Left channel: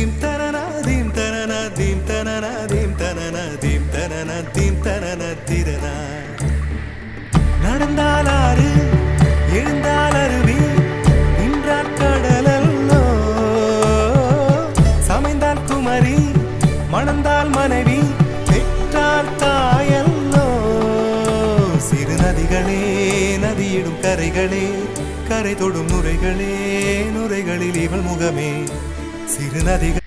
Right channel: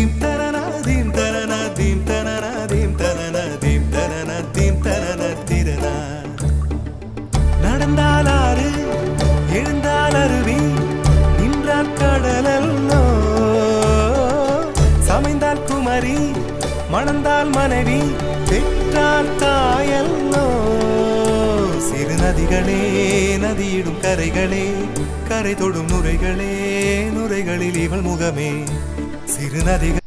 Theme தனன theme தனன theme தனன தீம் தனன தீம் தனன தீம் தனன திரனா. நடந்தால் ஆறு எழுந்தால் அருவி நின்றால் கடலல்லோ, சமைந்தால் குமரி மணந்தால் மனைவி பெற்றால் தாயல்லோ. சிறு நதிகளே நதியிடும் கரைகளே கரை தொடும் நுரைகளே நுரைகளில் இவள் முகமே. சிறு நதிகள்